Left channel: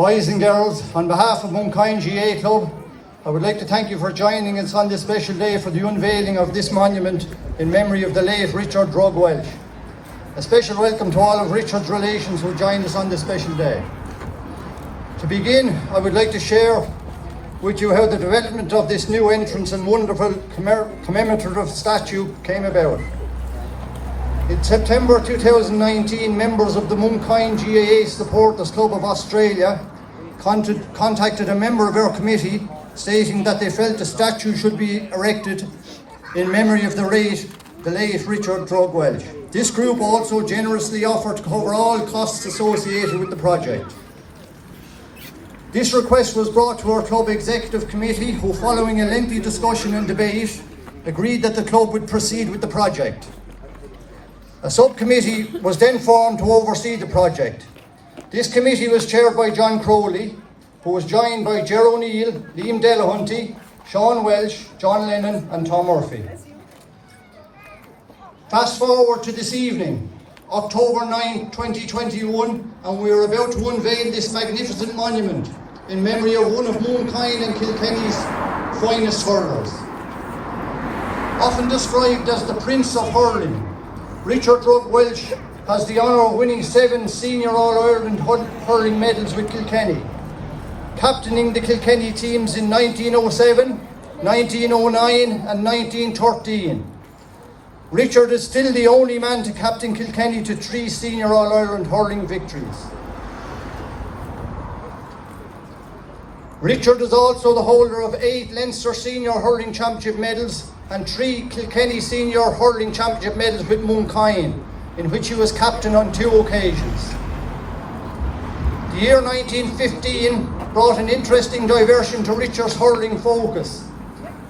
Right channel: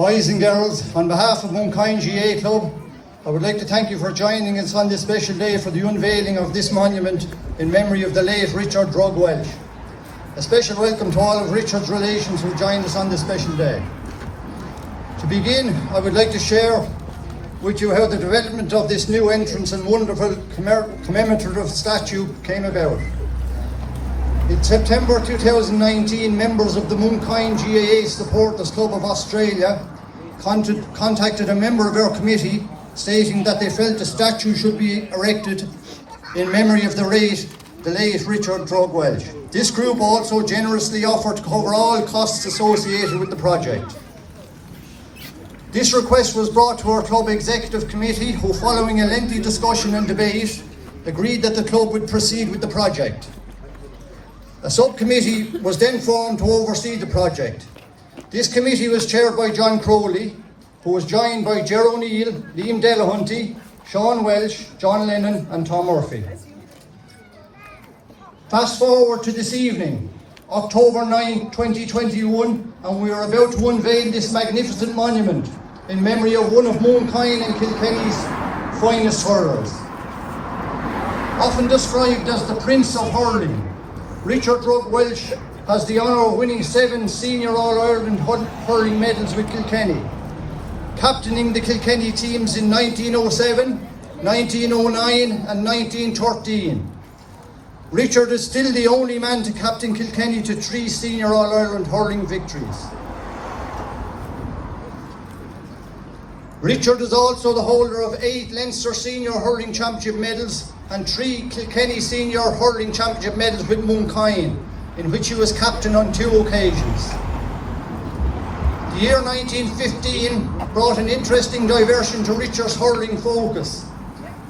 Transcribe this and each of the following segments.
Boys and girls, on behalf of Mooncoin GAA Club, I would like to thank you for joining us on this special day for the unveiling of this monument in memory of the late Richard Drug Walsh. A special welcome to all of Richard's relations who joined us on this special day. To begin, I would like to share with you how the development of this new entrance and wonderful commemorative statue came about. In September 2019, members of the Mooncoin GAA Supporters Club of Australia contacted a member of our committee stating that they felt a statue should be erected in memory of the late Richard Drug Walsh. This group also generously offered to cover all costs associated with the project. This request was brought to our club executive committee, who, following a lengthy discussion and debate, agreed that the club would proceed with the project. A subcommittee was then formed to oversee the project. This committee was chaired by John Crowley, who was joined by Ger O'Neill, Liam Delahunty, Sean Welsh, John Lennon and Tom Murphy. Fast forward to this evening, October 9, 2021, and we are about to unveil this magnificent monument in memory of one of Mooncoin and Kilkenny's finest hurlers. Often described as the Prince of Hurling, Richard Drug Walsh has the honour of winning 7 senior All-Ireland hurling medals with Kilkenny, captaining the Kilkenny teams in 1907, 1909 and 1913. Richard is still the only man to captain Kilkenny to 3 senior All-Ireland hurling victories. Richard is also the holder of 8 Leinster Senior Hurling Championship medals and 3 Kilkenny Senior Hurling Championship medals with Mooncoin, in which he was captain on 2 occasions. The year 1915 brought an interesting diversion to Richard's hurling focus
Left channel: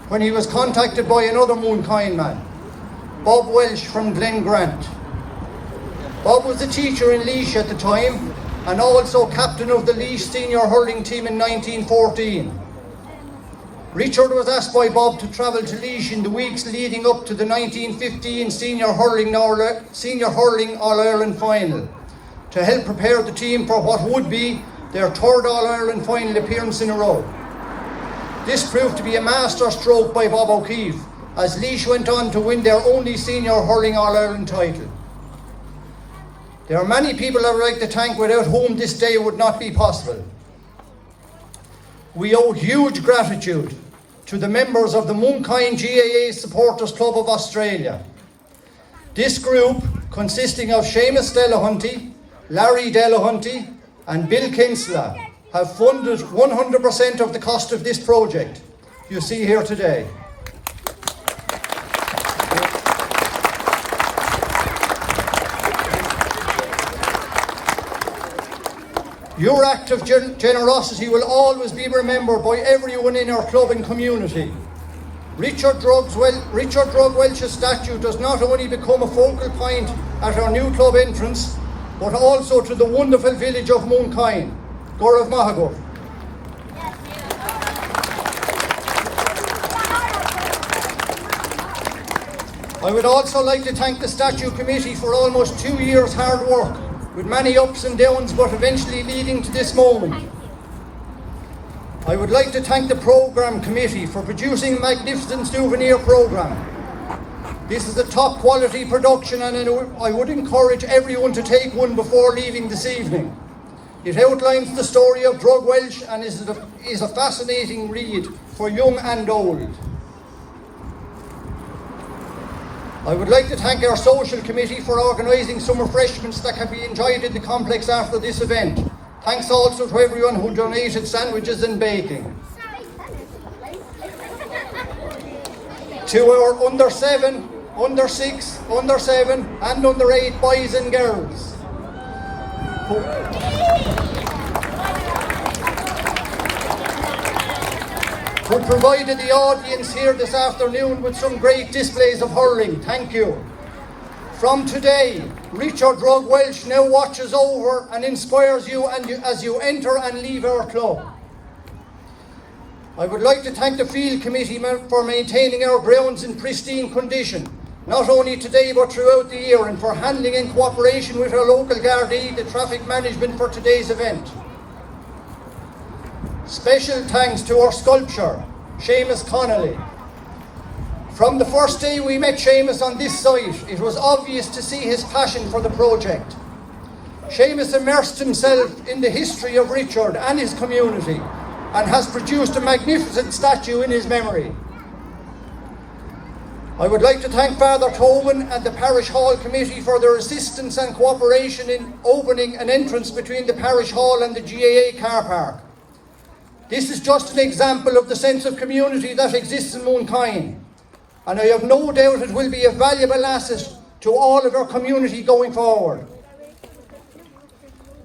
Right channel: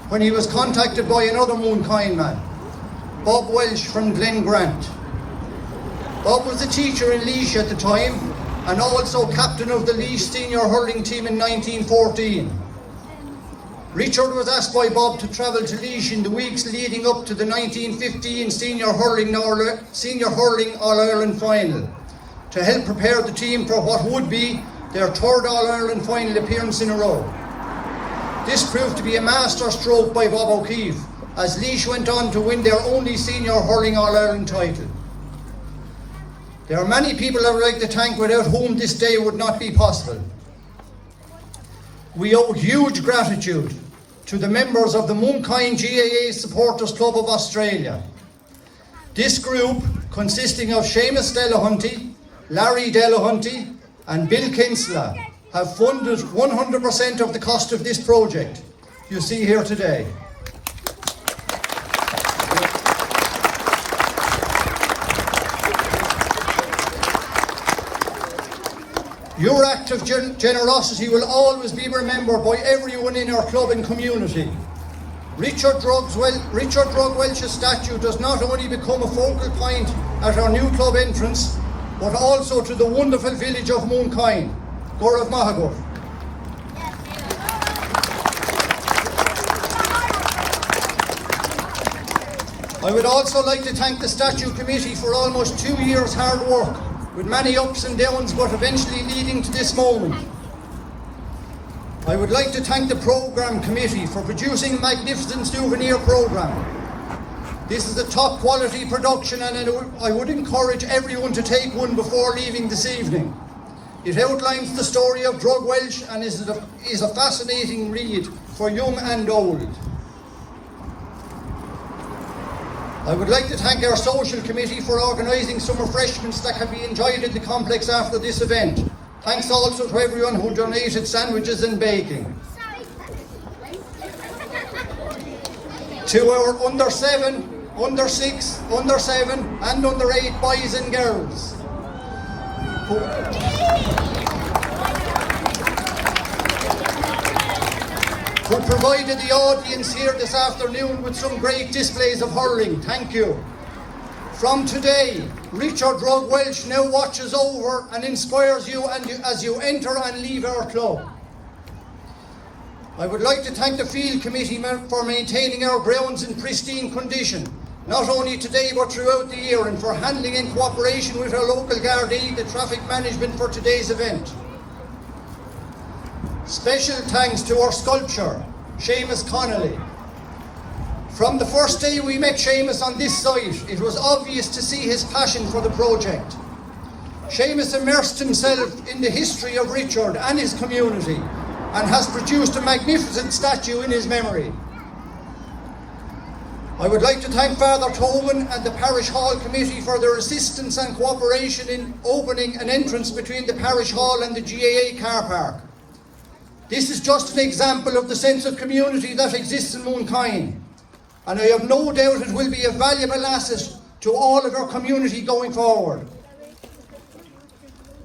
when he was contacted by another Mooncoin man, Bob Walsh from Glen Grant. Bob was a teacher in Laois at the time and also captain of the Laois senior hurling team in 1914. Richard was asked by Bob to travel to Laois in the weeks leading up to the 1915 Senior Hurling All-Ireland final to help prepare the team for what would be their 3rd All-Ireland final appearance in a row. This proved to be a masterstroke by Bob O'Keefe, as Laois went on to win their only Senior Hurling All-Ireland title. There are many people I would like to thank without whom this day would not be possible. We owe huge gratitude to the members of the Mooncoin GAA Supporters Club of Australia. This group, consisting of Seamus Delahunty, Larry Delahunty and Bill Kinsella, have funded 100% of the cost of this project you see here today. Your act of generosity will always be remembered by everyone in our club and community. Richard Drug Walsh's statue does not only become a focal point at our new club entrance, but also to the wonderful village of Mooncoin, Gurrah Mahagut. I would also like to thank the statue committee for almost 2 years' hard work, with many ups and downs, but eventually leading to this moment. I would like to thank the programme committee for producing a magnificent souvenir programme. This is a top quality production and I would encourage everyone to take one before leaving this evening. It outlines the story of Drug Walsh and is a fascinating read for young and old. I would like to thank our social committee for organising some refreshments that can be enjoyed in the complex after this event. Thanks also to everyone who donated sandwiches and baking. To our under 7, under 6, under 7 and under 8 boys and girls who provided the audience here this afternoon with some great displays of hurling. Thank you. From today, Richard Drug Walsh now watches over and inspires you as you enter and leave our club. I would like to thank the field committee for maintaining our grounds in pristine condition, not only today but throughout the year, and for handling in cooperation with our local Gardaí the traffic management for today's event. Special thanks to our sculptor, Seamus Connolly. From the first day we met Seamus on this site, it was obvious to see his passion for the project. Seamus immersed himself in the history of Richard and his community and has produced a magnificent statue in his memory. I would like to thank Father Toman and the Parish Hall Committee for their assistance and cooperation in opening an entrance between the Parish Hall and the GAA car park. This is just an example of the sense of community that exists in Mooncoin, and I have no doubt it will be a valuable asset to all of our community going forward.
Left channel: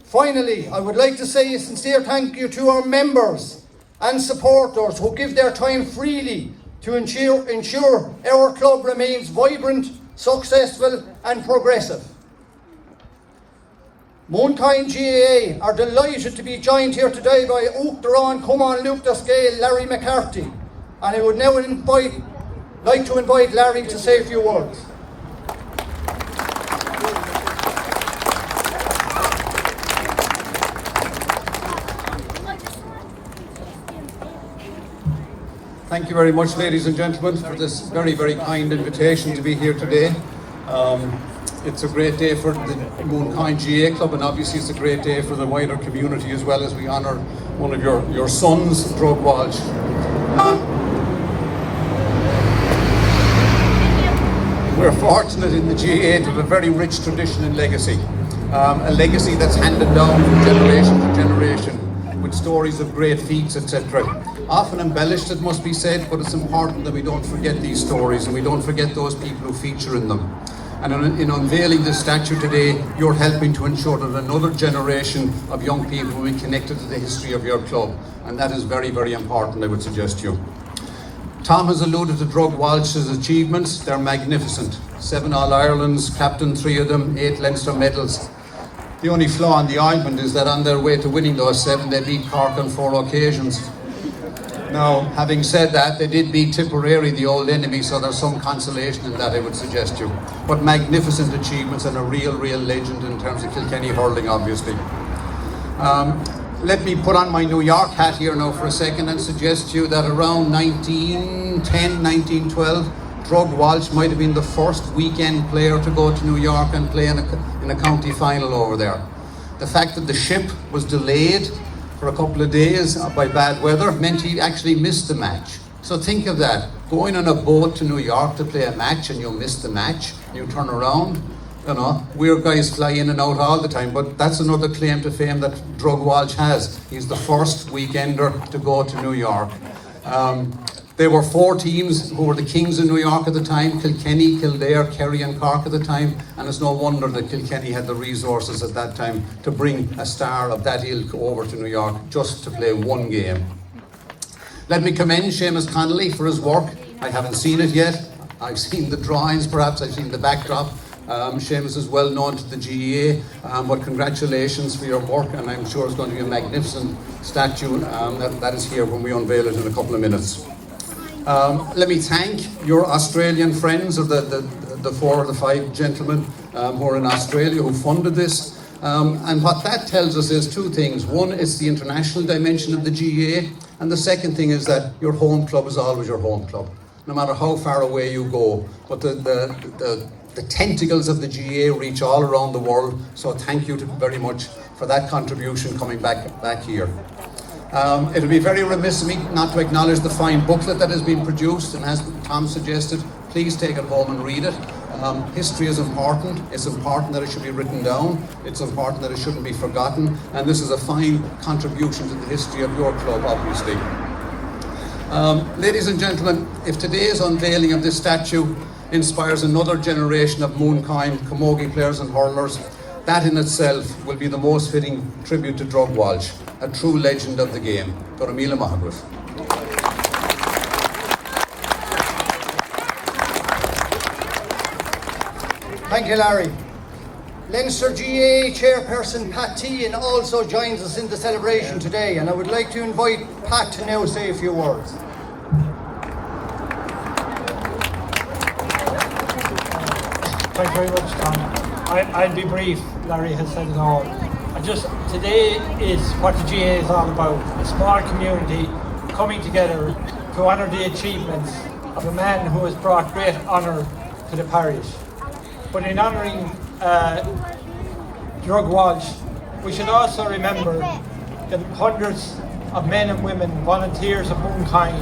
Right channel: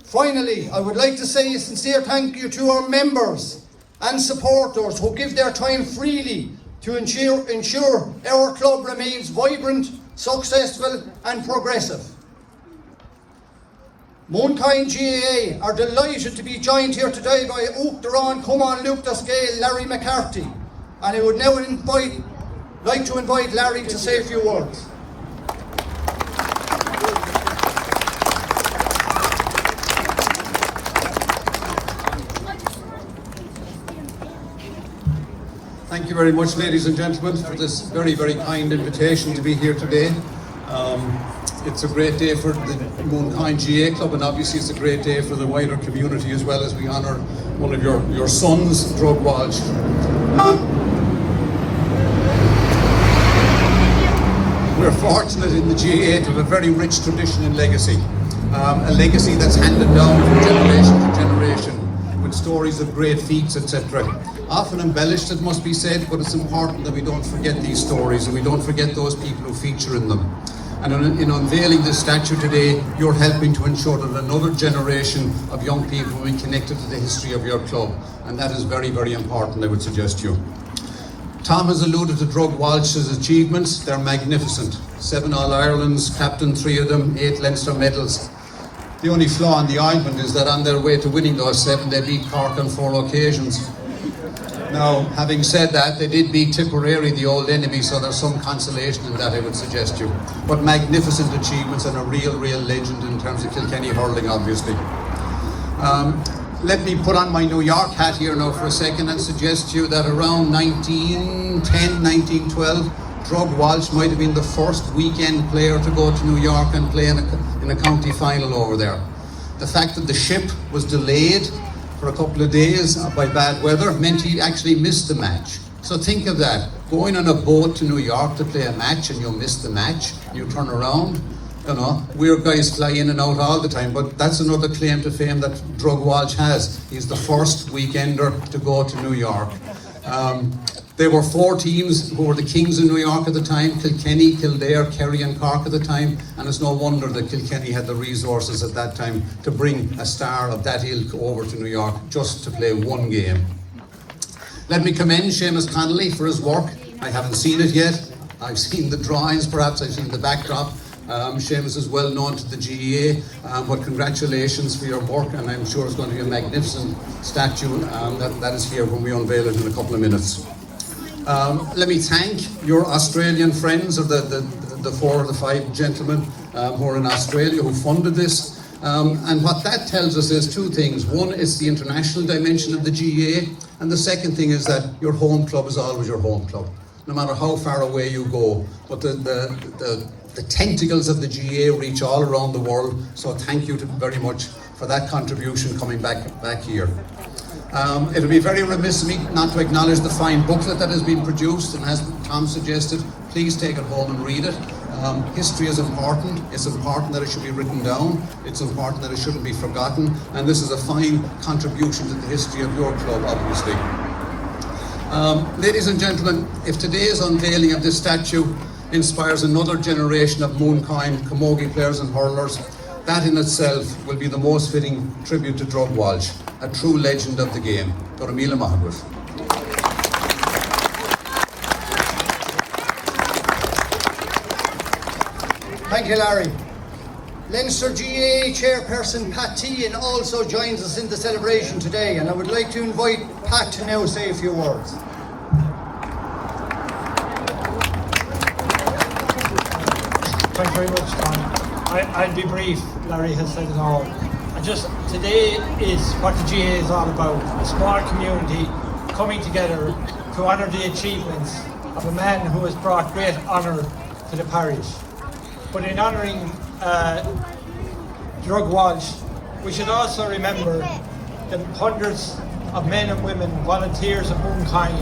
Finally, I would like to say a sincere thank you to our members and supporters who give their time freely to ensure our club remains vibrant, successful and progressive. Mooncoin GAA are delighted to be joined here today by Oak Duran, Cumann, Luke Dasgale, Larry McCarthy, and I would now like to invite Larry to say a few words. Thank you very much, ladies and gentlemen, for this very, very kind invitation to be here today. It's a great day for the Mooncoin GAA Club, and obviously it's a great day for the wider community as well, as we honour one of your sons, Drug Walsh. We're fortunate in the GAA to have a very rich tradition and legacy. A legacy that's handed down from generation to generation, with stories of great feats, etc. Often embellished, it must be said, but it's important that we don't forget these stories and we don't forget those people who feature in them. And in unveiling this statue today, you're helping to ensure that another generation of young people will be connected to the history of your club, and that is very, very important, I would suggest to you. Tom has alluded to Drug Walsh's achievements. They're magnificent. 7 All-Irelands, captain 3 of them, 8 Leinster medals. The only flaw in the ointment is that on their way to winning those 7, they beat Cork on 4 occasions. Now, having said that, they did beat Tipperary, the old enemy, so there's some consolation in that, I would suggest to you. But magnificent achievements and a real legend in terms of Kilkenny hurling, obviously. Let me put on my New York hat here now for a second and suggest to you that around 1910, 1912, Drug Walsh might have been the first weekend player to go to New York and play in a county final over there. The fact that the ship was delayed for a couple of days by bad weather meant he actually missed the match. So think of that, going on a boat to New York to play a match and you miss the match, you turn around, you know, weird guys fly in and out all the time, but that's another claim to fame that Drug Walsh has. He's the first weekender to go to New York. There were 4 teams who were the kings in New York at the time: Kilkenny, Kildare, Kerry and Cork at the time, and it's no wonder that Kilkenny had the resources at that time to bring a star of that ilk over to New York just to play 1 game. Let me commend Seamus Connolly for his work. I haven't seen it yet. I've seen the drawings, perhaps I've seen the backdrop. Seamus is well known to the GAA, but congratulations for your work, and I'm sure it's going to be a magnificent statue that is here when we unveil it in a couple of minutes. Let me thank your Australian friends, of the 4 or the 5 gentlemen who are in Australia who funded this. And what that tells us is 2 things. One is the international dimension of the GAA, and the second thing is that your home club is always your home club, no matter how far away you go. But the tentacles of the GAA reach all around the world, so thank you very much for that contribution coming back here. It'll be very remiss of me not to acknowledge the fine booklet that has been produced, and as Tom suggested, please take it home and read it. History is important. It's important that it should be written down. It's important that it shouldn't be forgotten, and this is a fine contribution to the history of your club, obviously. Ladies and gentlemen, if today's unveiling of this statue inspires another generation of Mooncoin camogie players and hurlers, that in itself will be the most fitting tribute to Drug Walsh, a true legend of the game. Doramila Mahagraf. Thank you, Larry. Leinster GAA chairperson Pat Teahan also joins us in the celebration today, and I would like to invite Pat to now say a few words. Thank you very much, Tom. I'll be brief. Larry has said it all. I just today is what the GA is all about, a small community coming together to honour the achievements of a man who has brought great honour to the parish. But in honouring Drug Walsh, we should also remember the hundreds of men and women, volunteers of Moonkind,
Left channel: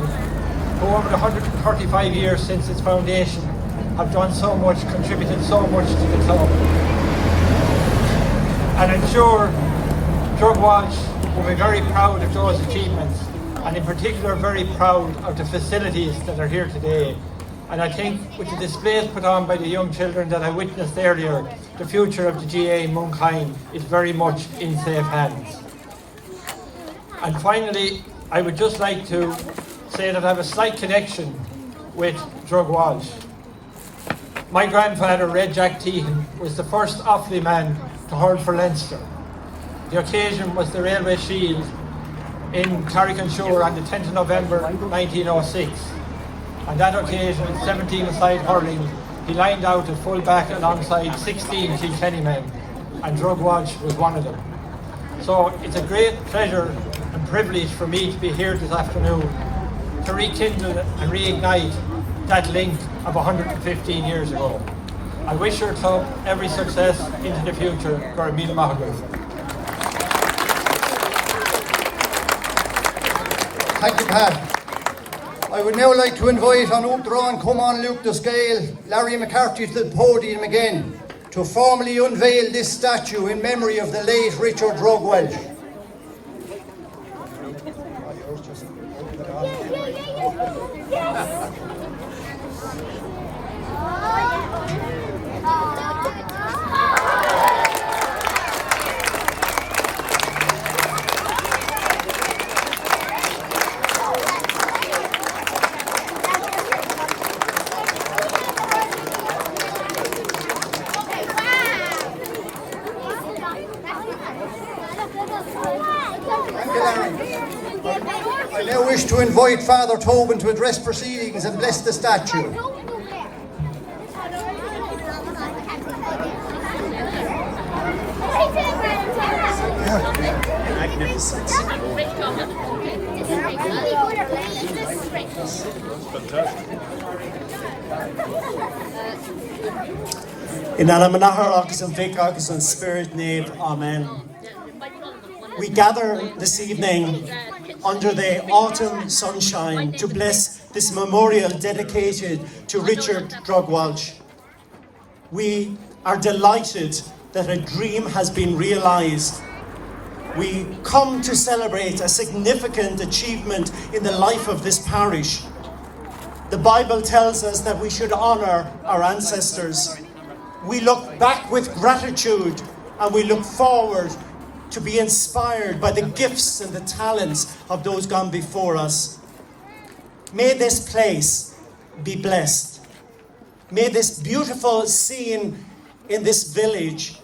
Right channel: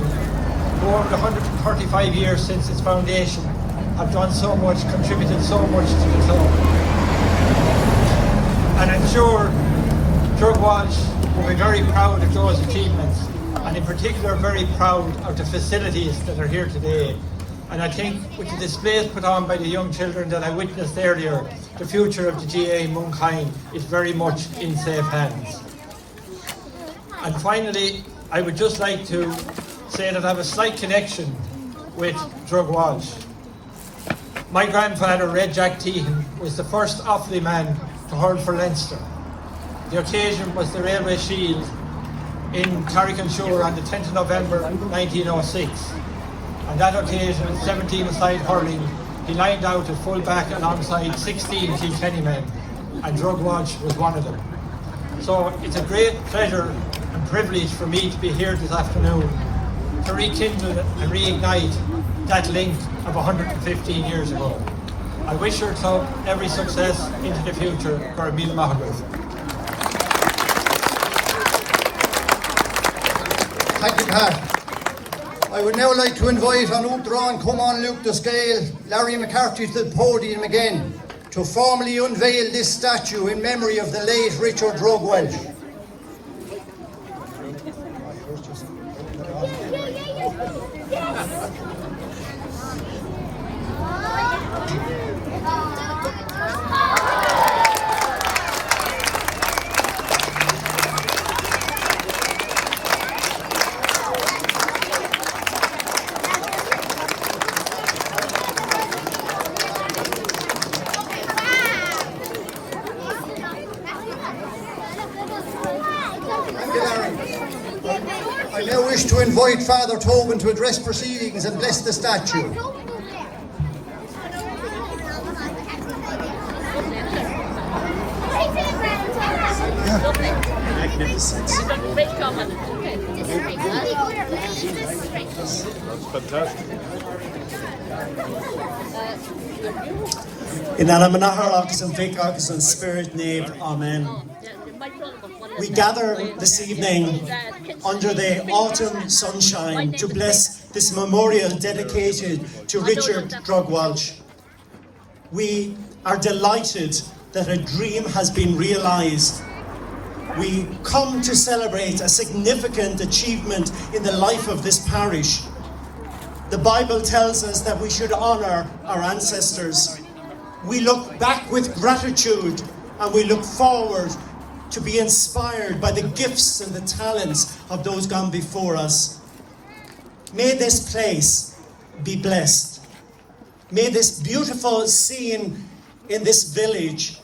who over the 135 years since its foundation have done so much, contributed so much to the club. And I'm sure Drug Walsh will be very proud of those achievements, and in particular very proud of the facilities that are here today. And I think with the displays put on by the young children that I witnessed earlier, the future of the GA Moonkind is very much in safe hands. And finally, I would just like to say that I have a slight connection with Drug Walsh. My grandfather, Red Jack Teahan, was the first Offaly man to hurl for Leinster. The occasion was the Railway Shield in Carrick-on-Shore on the 10th of November 1906. On that occasion, 17-a-side hurling, he lined out at full back alongside 16 Kilkenny men, and Drug Walsh was one of them. So it's a great pleasure and privilege for me to be here this afternoon to rekindle and reignite that link of 115 years ago. I wish your club every success into the future. Gar míle maith agaibh. Thank you, Pat. I would now like to invite on Uachtaráin Cumann Luke the Scale, Larry McCarthy to the podium again to formally unveil this statue in memory of the late Richard Drug Walsh. I now wish to invite Father Tobin to address proceedings and bless the statue. Magnificent. In Anamanahar agus and Vic agus and Spirit name, Amen. We gather this evening under the autumn sunshine to bless this memorial dedicated to Richard Drug Walsh. We are delighted that a dream has been realised. We come to celebrate a significant achievement in the life of this parish. The Bible tells us that we should honour our ancestors. We look back with gratitude and we look forward to be inspired by the gifts and the talents of those gone before us. May this place be blessed. May this beautiful scene in this village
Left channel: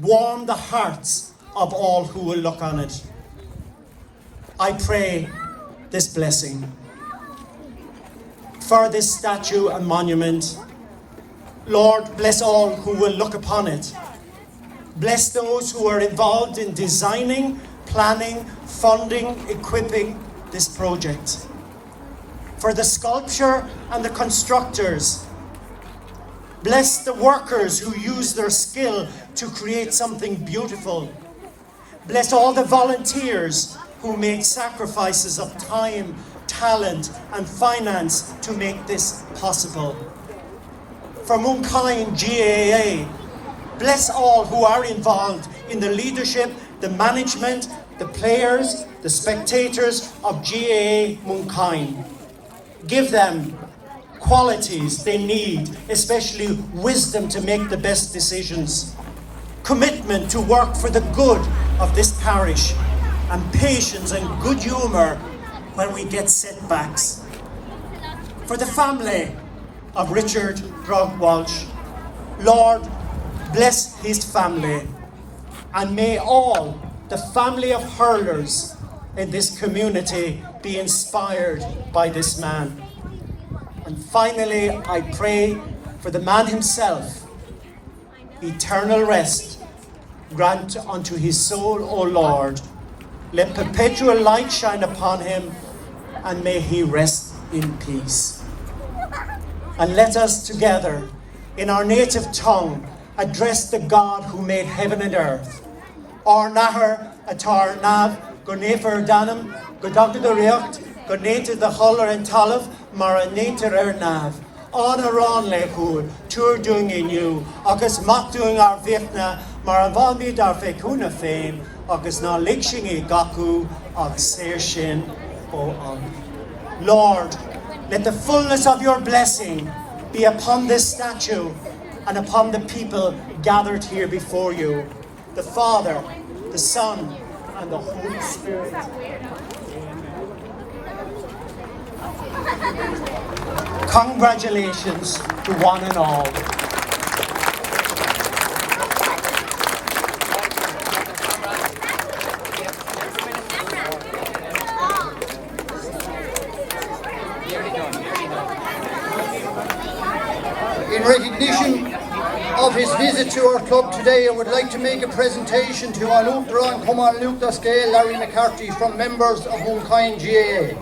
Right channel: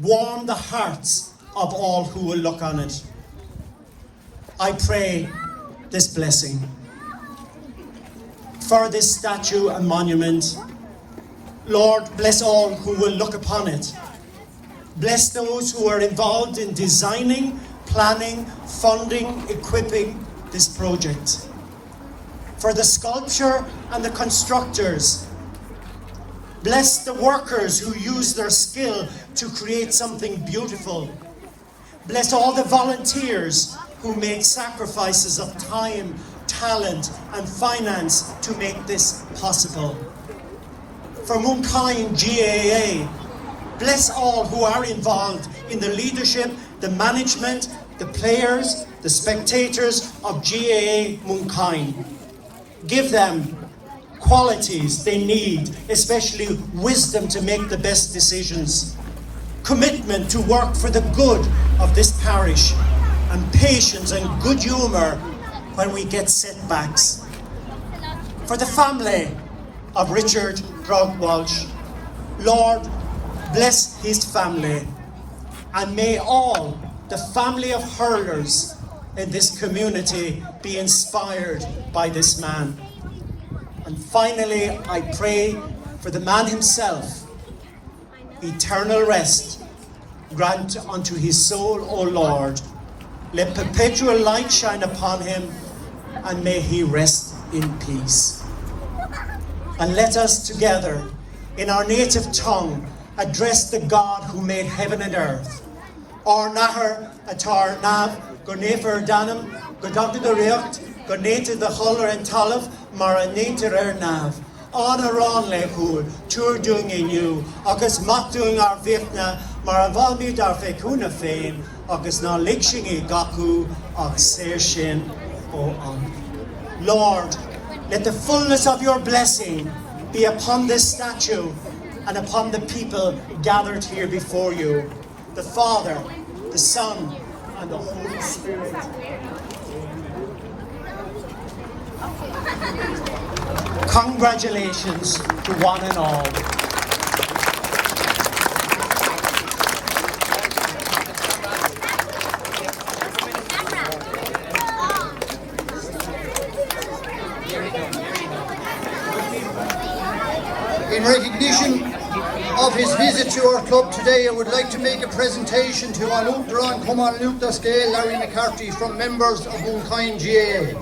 warm the hearts of all who will look on it. I pray this blessing for this statue and monument. Lord, bless all who will look upon it. Bless those who are involved in designing, planning, funding, equipping this project. For the sculpture and the constructors, bless the workers who use their skill to create something beautiful. Bless all the volunteers who make sacrifices of time, talent and finance to make this possible. For Moonkind GAA, bless all who are involved in the leadership, the management, the players, the spectators of GAA Moonkind. Give them qualities they need, especially wisdom to make the best decisions, commitment to work for the good of this parish, and patience and good humour when we get setbacks. For the family of Richard Drug Walsh, Lord, bless his family, and may all the family of hurlers in this community be inspired by this man. And finally, I pray for the man himself, eternal rest, grant unto his soul, O Lord. Let perpetual light shine upon him, and may he rest in peace. And let us together, in our native tongue, address the God who made heaven and earth. Or nahar atar nav, go nefer danam, go doctor the react, go nater the holler and talav, mara nater nav. On a ron lekul, tour doing in you, agus mak doing our vifna, mara valmi dar fekuna fame, agus na likshingi gaku, agus sershin o on. Lord, let the fullness of your blessing be upon this statue and upon the people gathered here before you, the Father, the Son, and the Holy Spirit. Congratulations to one and all. In recognition of his visit to our club today, I would like to make a presentation to Anupra and Come on Anupra Scale, Larry McCarthy, from members of Unveiling GAA.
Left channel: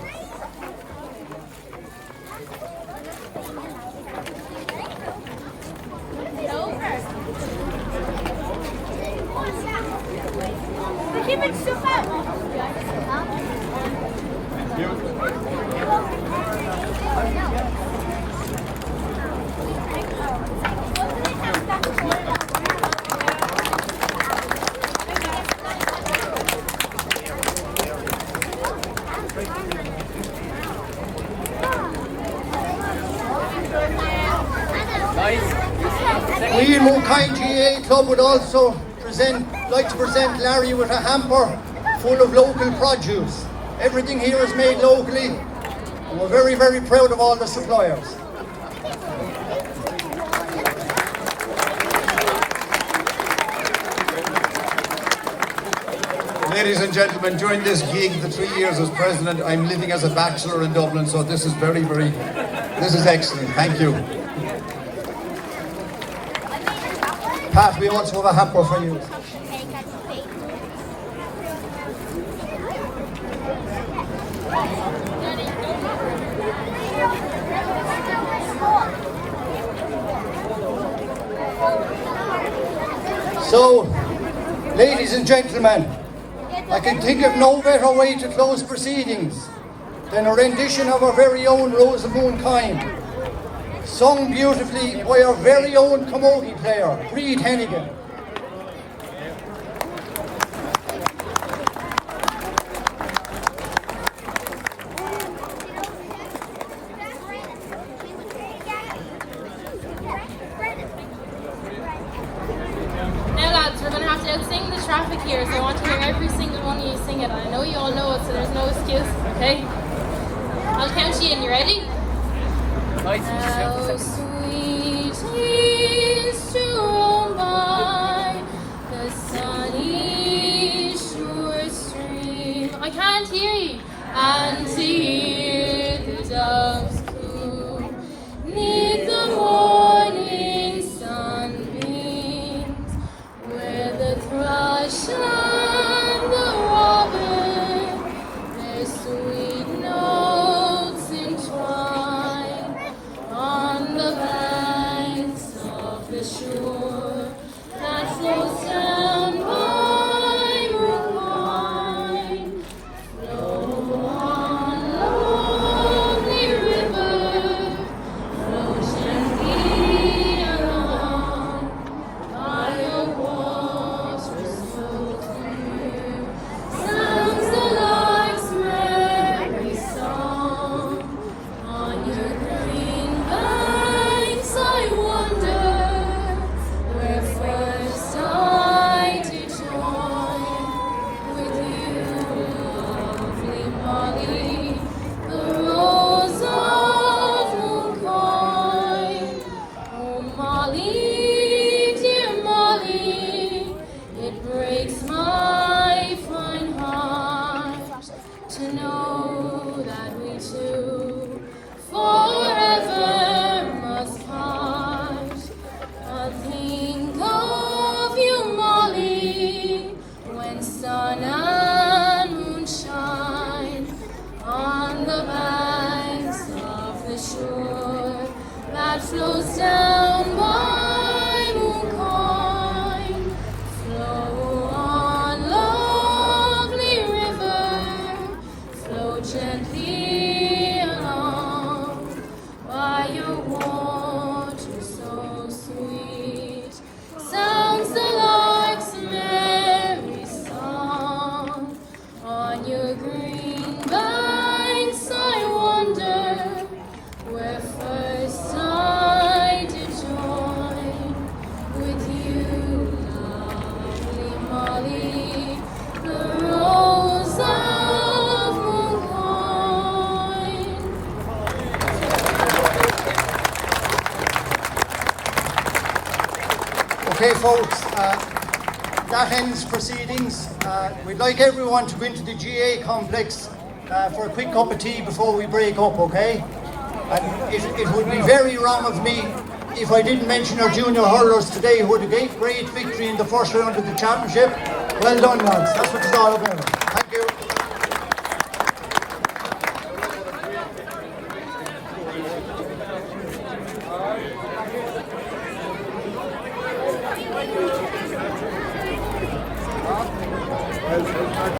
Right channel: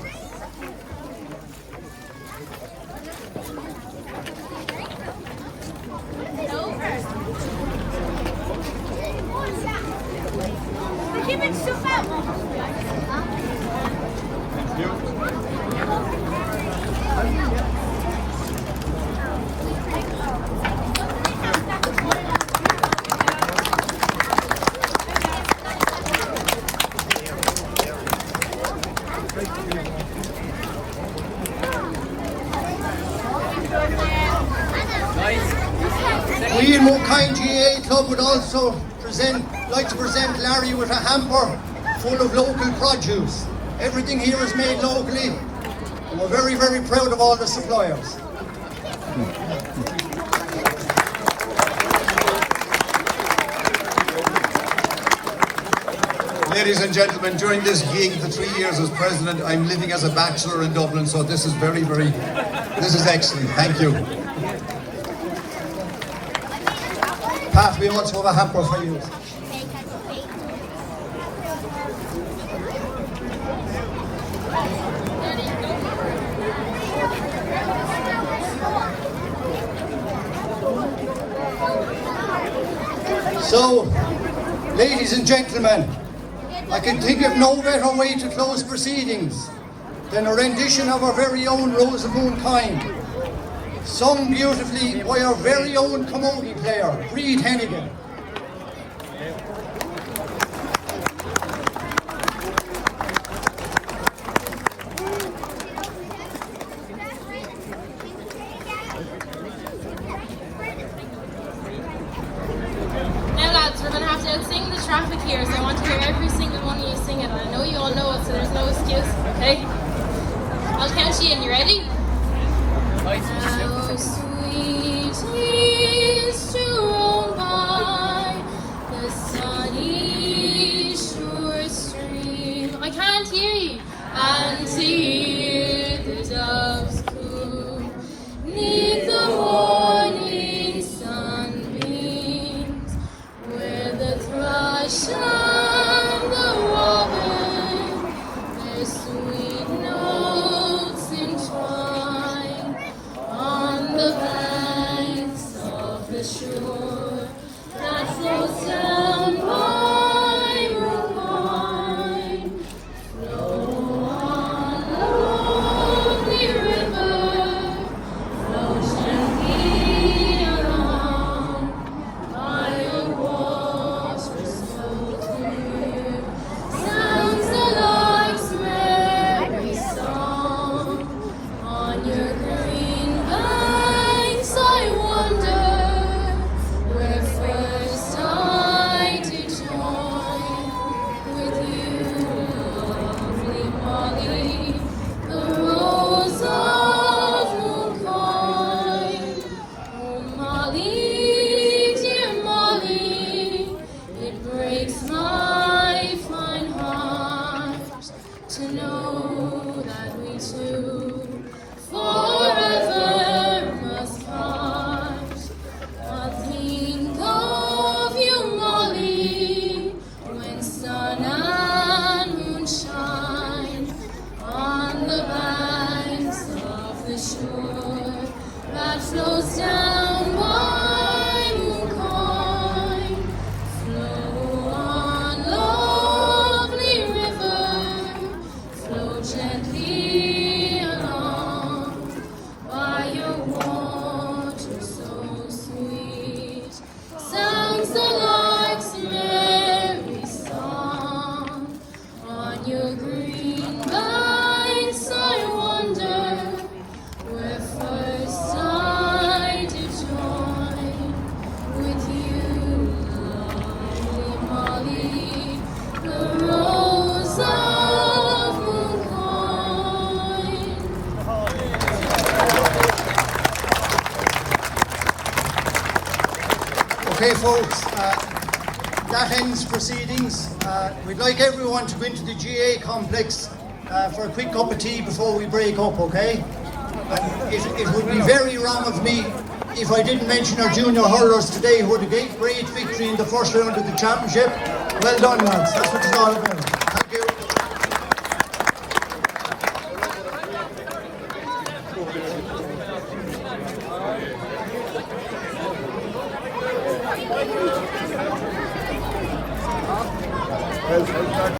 We in Unveiling GAA Club would also like to present Larry with a hamper full of local produce. Everything here is made locally, and we're very, very proud of all the suppliers. Ladies and gentlemen, during this gig, the 3 years as president, I'm living as a bachelor in Dublin, so this is this is excellent. Thank you. Pat, we also have a hamper for you. So, ladies and gentlemen, I can think of no better way to close proceedings than a rendition of our very own Rose of Moonkind, sung beautifully by our very own camogie player, Reid Hennigan. Now lads, we're going to have to outsing the traffic here, so I want to hear every single one of you sing it, and I know you all know it, so there's no excuse, okay? I'll count you in, you ready? How sweet is to roam by the sunny shore stream. I can't hear you. And to hear the doves coo 'neath the morning sunbeams, where the thrush and the robin their sweet notes entwine on the banks of the shore that flows down by the pine. Flow on, lonely river, flow gently along, by the waters so clear, sounds the lark's merry song. On your green banks I wander, where first I did join with you, lovely Molly, the rose of Mooncoin. Oh Molly, dear Molly, it breaks my fine heart to know that we two forever must part. I think of you, Molly, your green banks I wander, where first I did join with you, lovely Molly, the rose of Mooncoin. Okay, folks, that ends proceedings. We'd like everyone to go into the GA complex for a quick cup of tea before we break up, okay? And it would be very wrong of me if I didn't mention our junior hurlers today who had a great victory in the first round of the championship. Well done, lads. That's what it's all about. Thank you.